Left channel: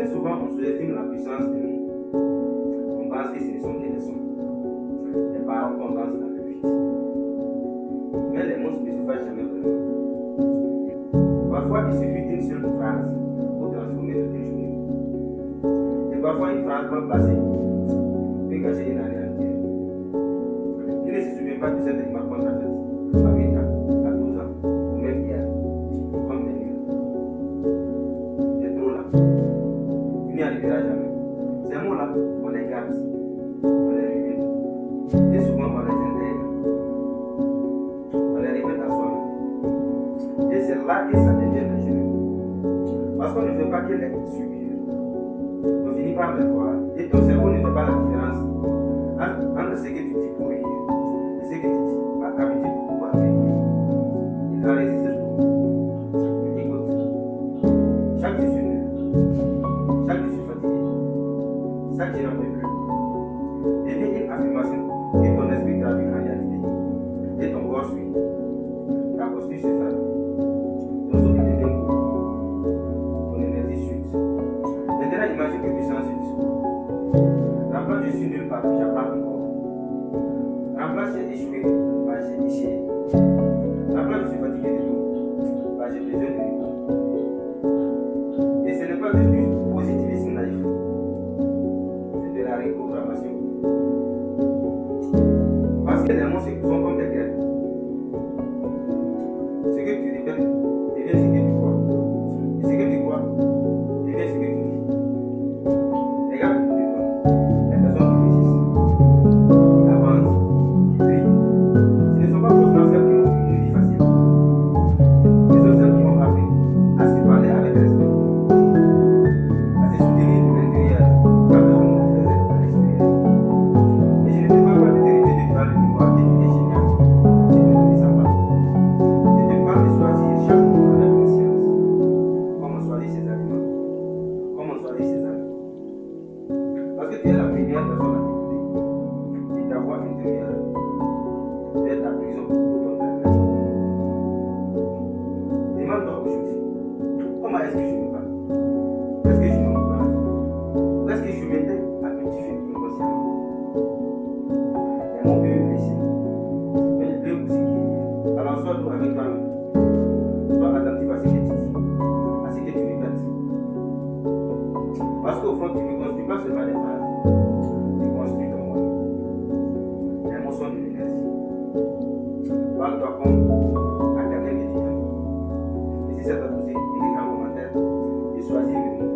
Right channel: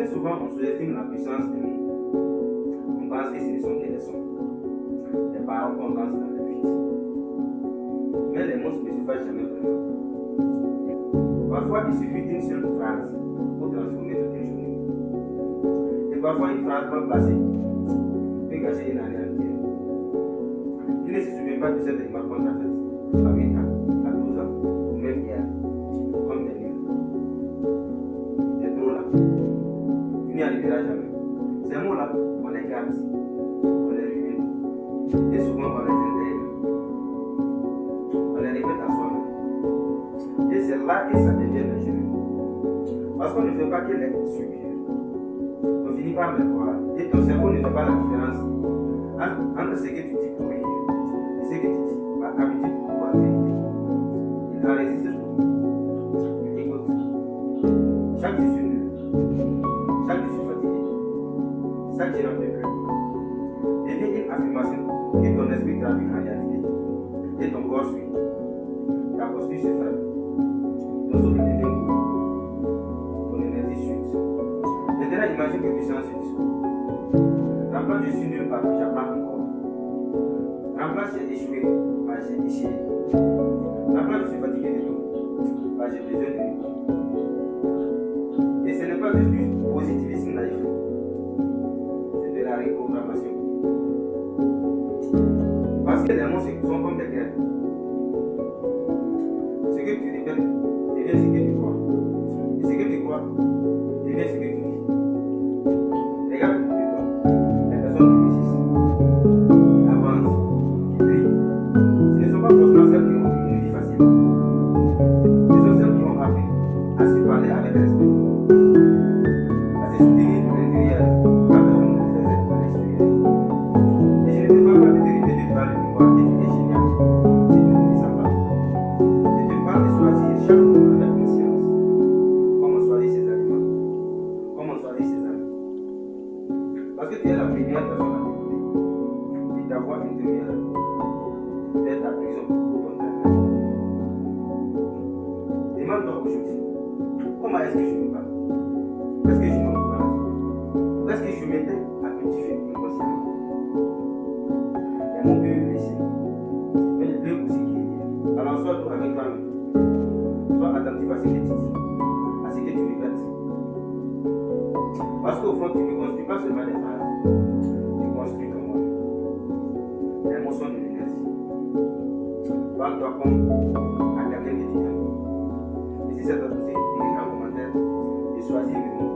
Très souvent, on sous-estime la puissance des mots. On pense que ce ne sont que des sons. Les paroles qu'on lance dans le vide. Mais les mots ne se font jamais vraiment. Parfois, il suffit d'une seule phrase pour transformer toute une journée. Et parfois, une phrase mal placée peut gâcher une année entière. Tu ne se souviens pas de cette remarque qu'on t'a faite à 8 ans, à 12 ans, ou même hier, comme des nuls. C'est trop là. Tu n'y arriveras jamais. Ces mots-là, on les garde, on les rumine, et souvent on les intègre. On les répète à soi-même. Et c'est là que ça devient dangereux. Parce qu'on ne fait pas que les subir. On finit par les croire. Et ton cerveau ne fait pas la différence entre ce que tu dis pour rire et ce que tu dis par habitude ou par vérité. Il enregistre tout. Écoute. Chaque jour, je suis nul. Chaque jour, je suis fatigué. Chaque jour, j'en peux plus. Devient une affirmation que ton esprit traduit en réalité. Et ton corps suit. Ta posture se fait. Ton souffle devient court. Ton énergie chute. Maintenant, imagine que tu changes ce discours. Remplace je suis nul par j'apprends encore. Remplace j'ai échoué par j'ai échoué. Remplace je suis fatigué de tout par j'ai besoin de repos. Et ce n'est pas juste du positivisme naïf. C'est de la reprogrammation. Parce que les mots sont comme des graines. Ce que tu répètes devient ce que tu crois. Et ce que tu crois devient ce que tu vis. Regarde autour de toi. Les personnes qui réussissent, qui avancent, qui brillent, ce ne sont pas forcément celles qui ont eu une vie facile. Ce sont celles qui ont appris à se parler avec respect, à se soutenir de l'intérieur quand personne ne le faisait à l'extérieur. Et je ne te parle pas de te répéter devant le miroir que tu es génial si tu ne le sens pas. Je te parle de choisir chaque mot avec conscience, comme on choisit ses aliments, comme on choisit ses amis. Parce que tu es la première personne à t'écouter. Et ta voix intérieure est ta prison pour ton travail. Demande-toi aujourd'hui, comment est-ce que je me parle? Est-ce que je m'encourage? Ou est-ce que je m'étais à petit feu inconsciemment? Les mots peuvent blesser, mais ils peuvent aussi guérir. Alors sois doux avec toi-même. Sois attentif à ce que tu dis, à ce que tu répètes. Parce qu'au fond, tu ne construis pas seulement des phrases, tu construis ton monde. L'émotion de l'énergie. Parle-toi comme à quelqu'un que tu aimes. Et si ça t'a poussé, écris un commentaire et choisis le mot